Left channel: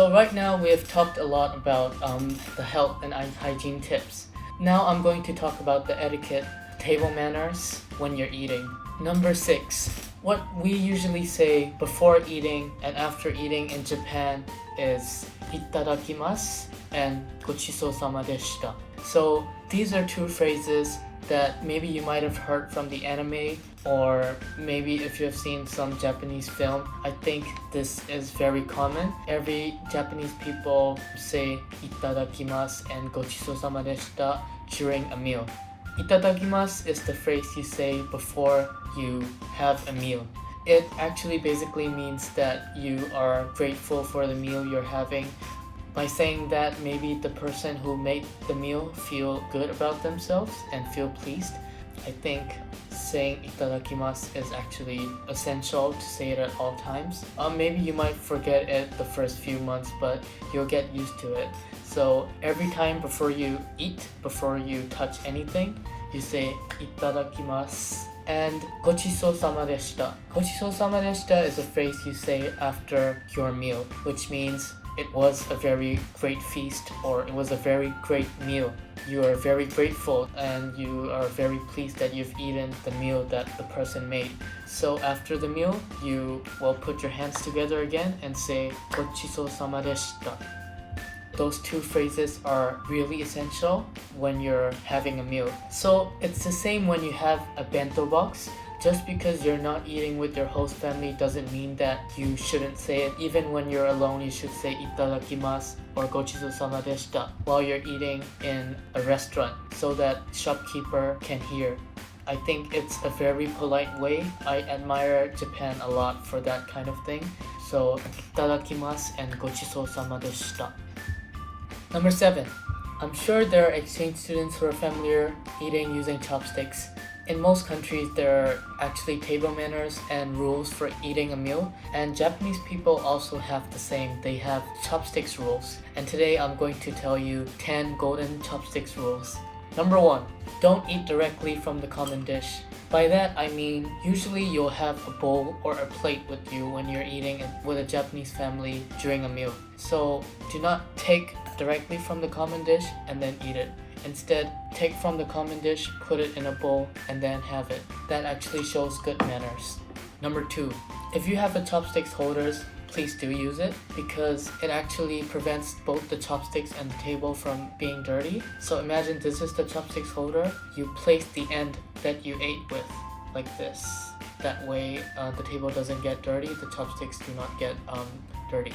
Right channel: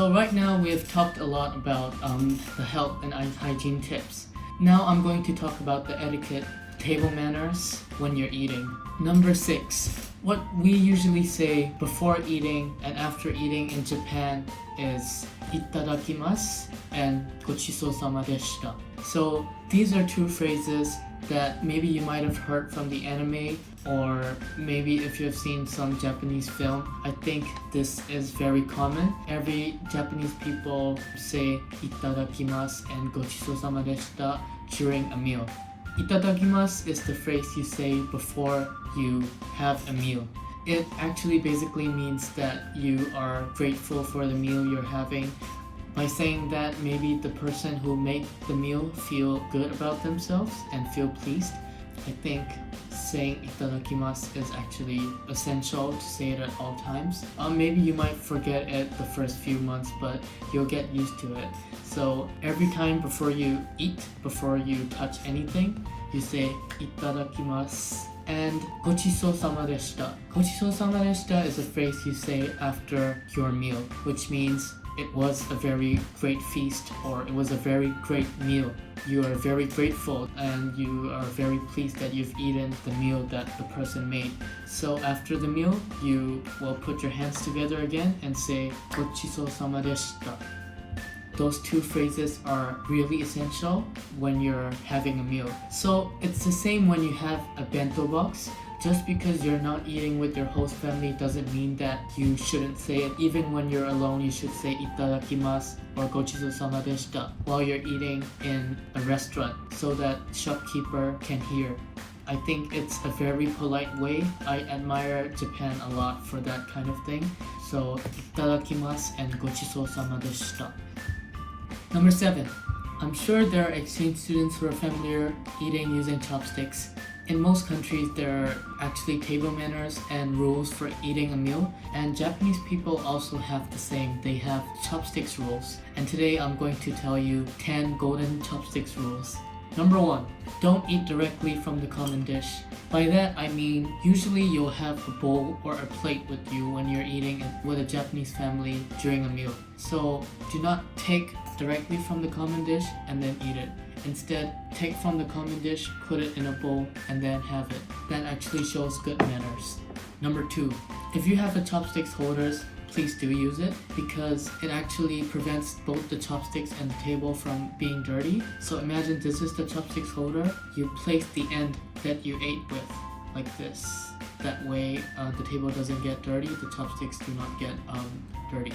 So right now we have talked a lot about the health and hygiene tips. Now I'm going to talk about the etiquette, table manners when you're eating. Number 6. What we usually say before eating and after eating in Japan is itadakimasu and gochisou-sama deshita. So these are two phrases that maybe you might have heard from the anime, or maybe if you have seen some Japanese film. I think this is very common. Every Japanese people say itadakimasu and gochisou-sama deshita during a meal. Itadakimasu is the phrase you say before you have a meal. It actually basically means that you are grateful for the meal you're having. By saying that, maybe the person who made the meal feel good about themselves and feel pleased. I think saying itadakimasu is actually essential to say it at all times. Maybe you might forget it the first few months, but you'll get used to it. So every time before you eat, before you touch anything, you say itadakimasu and gochisou-sama deshita. Gochisou-sama deshita is a phrase you say after your meal, which means it was a very great feast, or it was a very great meal. You are very grateful and you are very pleased that you've eaten the meal that the person made. So after the meal, you will put your hands together again and say gochisou-sama deshita. Those two phrases are really essential when you're having a meal. So it's the same when you have a bento box. Just because you're not eating with your host family doesn't mean that you shouldn't say it. Even when you're alone, you should say itadakimasu or gochisou-sama deshita while you're eating in a restaurant so that shopkeeper can hear. I think it's a very polite way. I admire Japan a lot for that kind of thing. So itadakimasu and gochisou-sama deshita. Number 7. I'm sure there are exchange students who are familiar eating using chopsticks. In most countries, there are actually table manners and rules for eating a meal, and Japanese people also have the same. They have chopsticks rules, and today I'm going to tell you 10 golden chopsticks rules. Number 1. Don't eat directly from the common dish. By that I mean, usually you'll have a bowl or a plate with you when you're eating with a Japanese family during a meal. So do not take directly from the common dish and then eat it. Instead, take from the common dish, put it in a bowl, and then have it. That actually shows good manners. Number 2. If you have a chopsticks holders, please do use it because it actually prevents both the chopsticks and the table from being dirty. So imagine this is the chopsticks holder. You place the end that you ate with like this. That way the table doesn't get dirty, the chopsticks do not get dirty.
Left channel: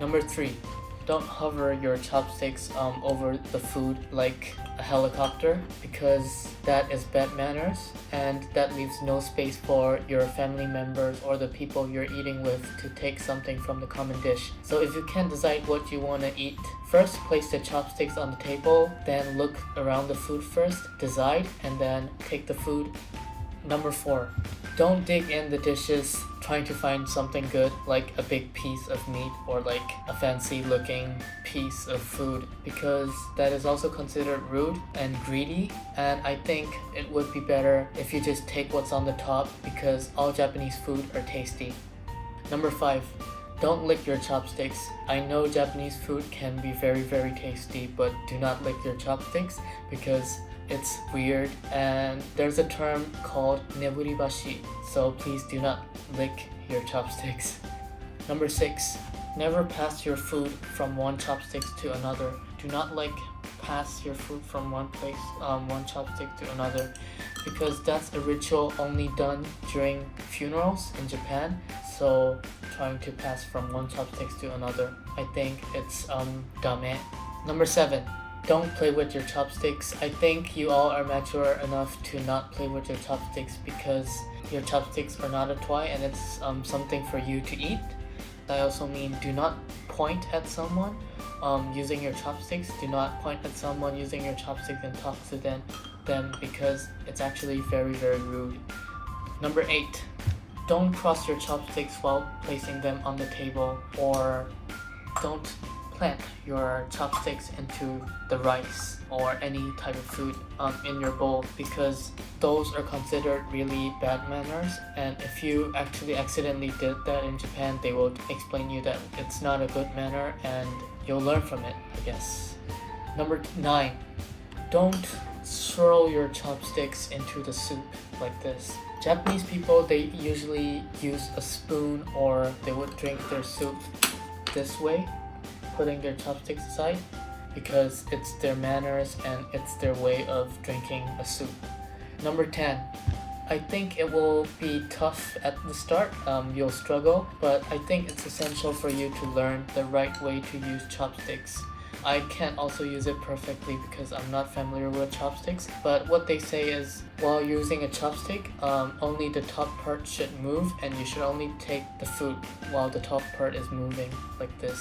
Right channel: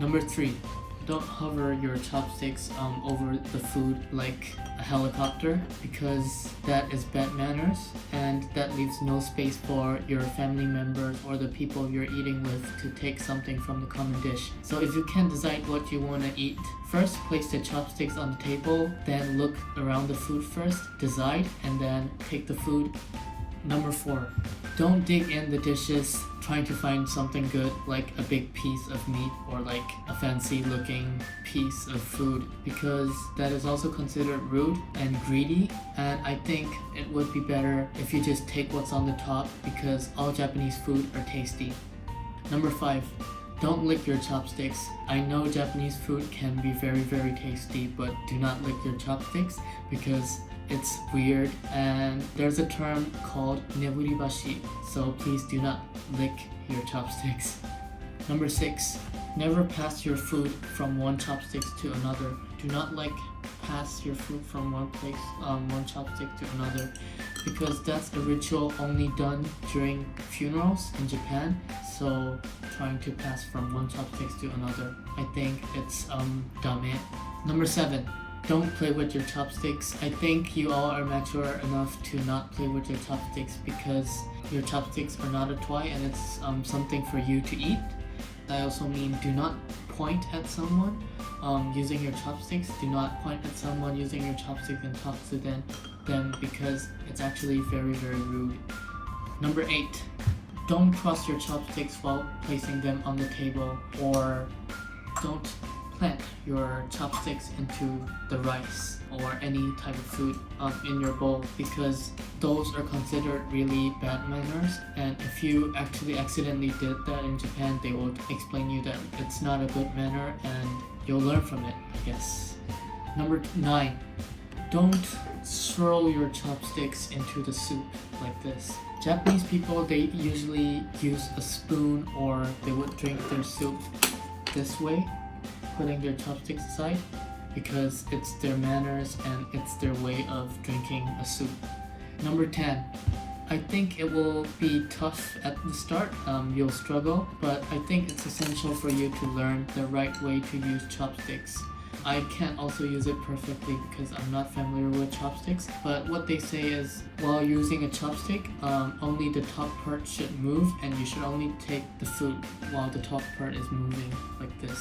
Number 3. Don't hover your chopsticks over the food like a helicopter because that is bad manners and that leaves no space for your family members or the people you're eating with to take something from the common dish. So if you can't decide what you want to eat, first place the chopsticks on the table, then look around the food first, decide, and then take the food. Number 4. Don't dig in the dishes trying to find something good like a big piece of meat or like a fancy looking piece of food because that is also considered rude and greedy, and I think it would be better if you just take what's on the top because all Japanese food are tasty. Number 5. Don't lick your chopsticks. I know Japanese food can be very, very tasty, but do not lick your chopsticks because it's weird and there's a term called neburibashi, so please do not lick your chopsticks. Number 6. Never pass your food from one chopstick to another. Do not pass your food from one chopstick to another because that's a ritual only done during funerals in Japan. So trying to pass from one chopstick to another, I think it's dame. Number 7. Don't play with your chopsticks. I think you all are mature enough to not play with your chopsticks because your chopsticks are not a toy and it's something for you to eat. I also mean do not point at someone using your chopsticks. Do not point at someone using your chopsticks and talk to them because it's actually very, very rude. Number 8. Don't cross your chopsticks while placing them on the table, or don't plant your chopsticks into the rice or any type of food in your bowl, because those are considered really bad manners, and if you actually accidentally did that in Japan, they will explain you that it's not a good manner and you'll learn from it, I guess. Number 9, don't swirl your chopsticks into the soup like this. Japanese people, they usually use a spoon, or they would drink their soup this way, putting their chopsticks aside, because it's their manners and it's their way of drinking a soup. Number 10, I think it will be tough at the start, you'll struggle, but I think it's essential for you to learn the right way to use chopsticks. I can't also use it perfectly because I'm not familiar with chopsticks, but what they say is while using a chopstick, only the top part should move, and you should only take the food while the top part is moving like this.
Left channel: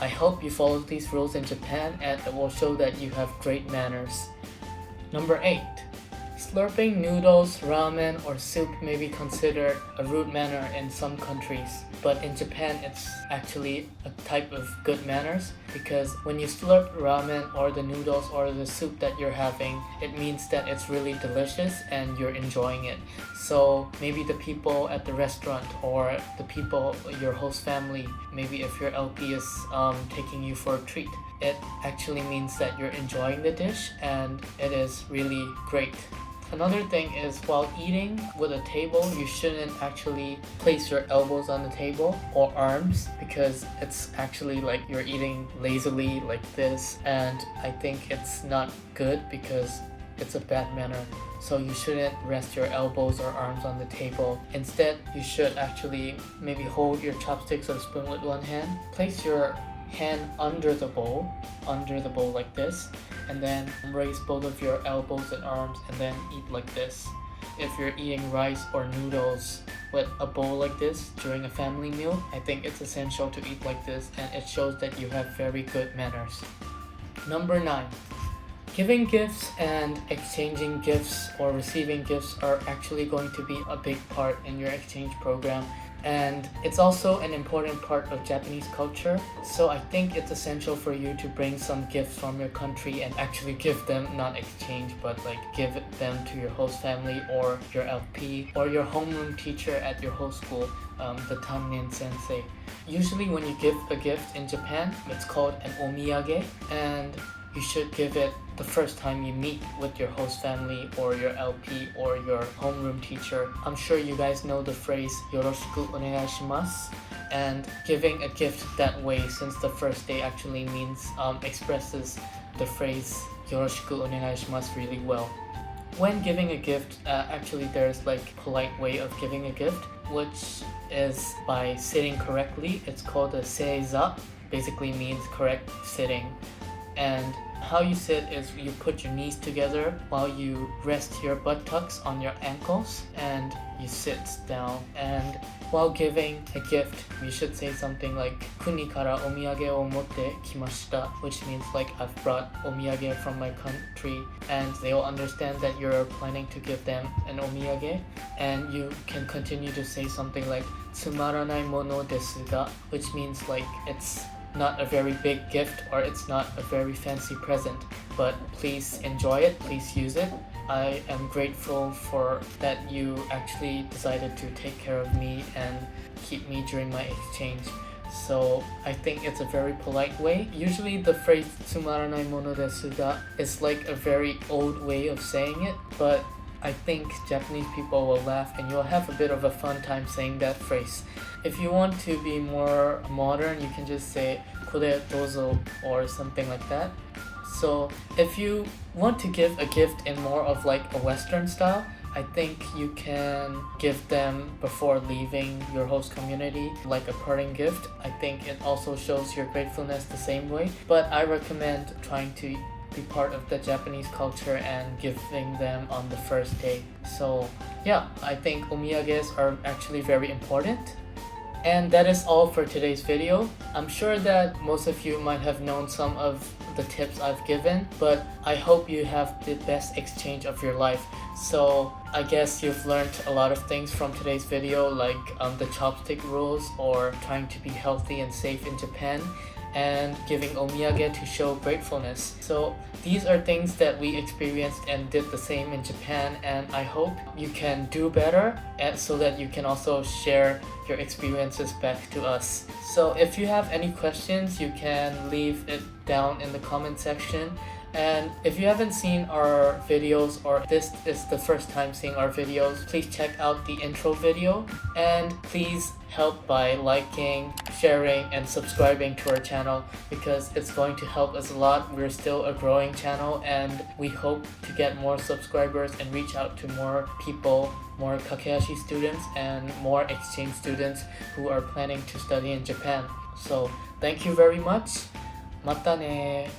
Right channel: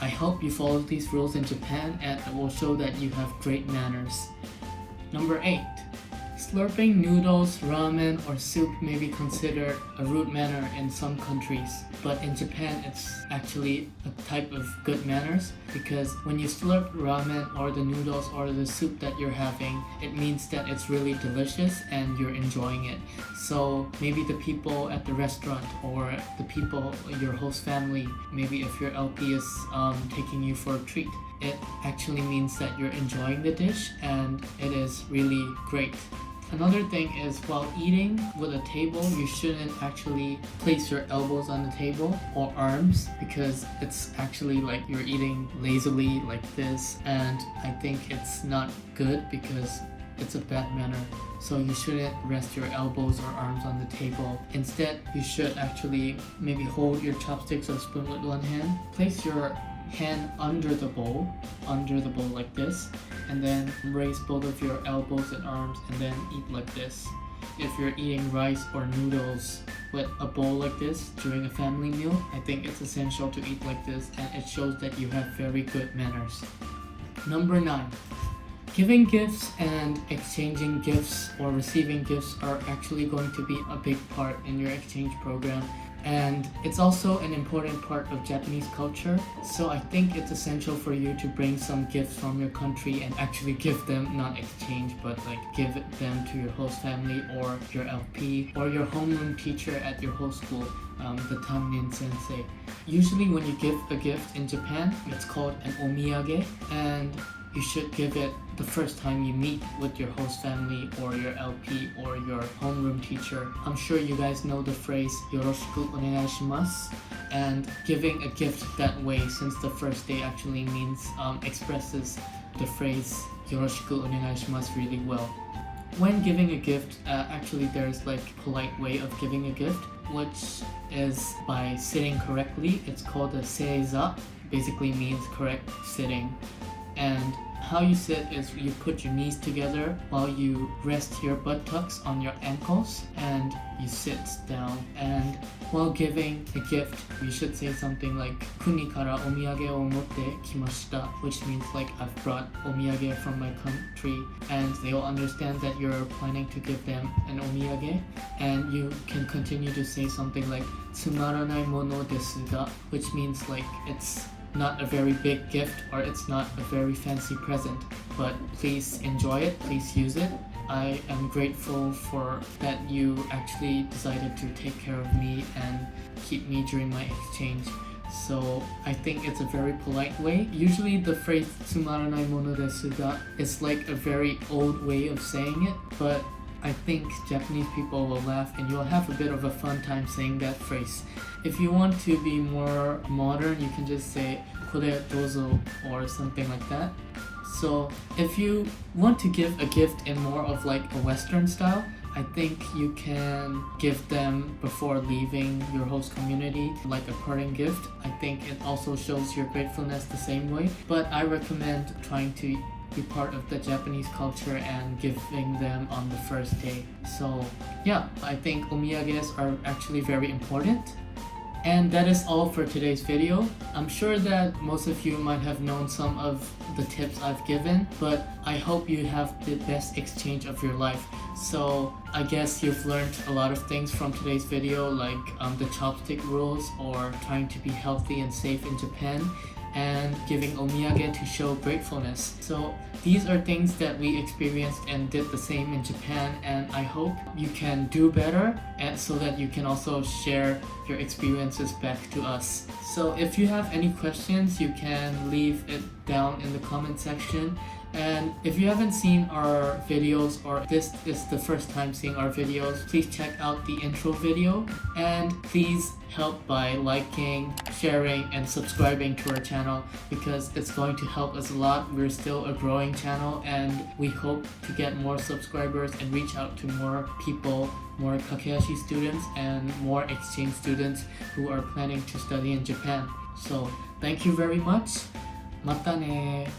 I hope you follow these rules in Japan, and it will show that you have great manners. Number 8, slurping noodles, ramen, or soup may be considered a rude manner in some countries, but in Japan it's actually a type of good manners, because when you slurp ramen or the noodles or the soup that you're having, it means that it's really delicious and you're enjoying it. So maybe the people at the restaurant or the people, your host family, maybe if your LP is taking you for a treat, it actually means that you're enjoying the dish and it is really great. Another thing is, while eating with a table, you shouldn't actually place your elbows on the table or arms, because it's actually like you're eating lazily like this, and I think it's not good because it's a bad manner. So you shouldn't rest your elbows or arms on the table. Instead, you should actually maybe hold your chopsticks or spoon with one hand, place your hand under the bowl like this, and then raise both of your elbows and arms and then eat like this. If you're eating rice or noodles with a bowl like this during a family meal, I think it's essential to eat like this, and it shows that you have very good manners. Number 9, giving gifts and exchanging gifts or receiving gifts are actually going to be a big part in your exchange program. And it's also an important part of Japanese culture, so I think it's essential for you to bring some gifts from your country and actually give them, not exchange, but like give them to your host family or your LP or your homeroom teacher at your host school, the Tamnin sensei. Usually when you give a gift in Japan, it's called an omiyage, and you should give it the first time you meet with your host family or your LP or your homeroom teacher. I'm sure you guys know the phrase yoroshiku onegaishimasu, and giving a gift that way, since the first day actually means expresses the phrase yoroshiku onegaishimasu really well. When giving a gift, actually there's like polite way of giving a gift, which is by sitting correctly. It's called a seiza, basically means correct sitting. And how you sit is you put your knees together while you rest your buttocks on your ankles and you sit down. And while giving a gift, you should say something like "Kuni kara omiyage o motte kimashita," which means like I've brought omiyage from my country, and they'll understand that you're planning to give them an omiyage. And you can continue to say something like "Tsumaranai mono desu ga," which means like it's not a very big gift or it's not a very fancy present, but please enjoy it, please use it. I am grateful for that you actually decided to take care of me and keep me during my exchange. So I think it's a very polite way. Usually the phrase "tsumaranai mono desu ga" is like a very old way of saying it, but I think Japanese people will laugh and you'll have a bit of a fun time saying that phrase. If you want to be more modern, you can just say "kore dozo" or something like that. So if you want to give a gift in more of like a Western style, I think you can give them before leaving your host community, like a parting gift. I think it also shows your gratefulness the same way, but I recommend trying to be part of the Japanese culture and giving them on the first day. So yeah, I think omiyages are actually very important. And that is all for today's video. I'm sure that most of you might have known some of the tips I've given, but I hope you have the best exchange of your life. So I guess you've learned a lot of things from today's video, like the chopstick rules or trying to be healthy and safe in Japan. and giving omiyage to show gratefulness. So these are things that we experienced and did the same in Japan, and I hope you can do better and so that you can also share your experiences back to us. So if you have any questions, you can leave it down in the comment section. And if you haven't seen our videos or this is the first time seeing our videos, please check out the intro video, and please help by liking, sharing, and subscribing to our channel because it's going to help us a lot. We're still a growing channel and we hope to get more subscribers and reach out to more people, more Kakehashi students and more exchange students who are planning to study in Japan. So thank you very much. またね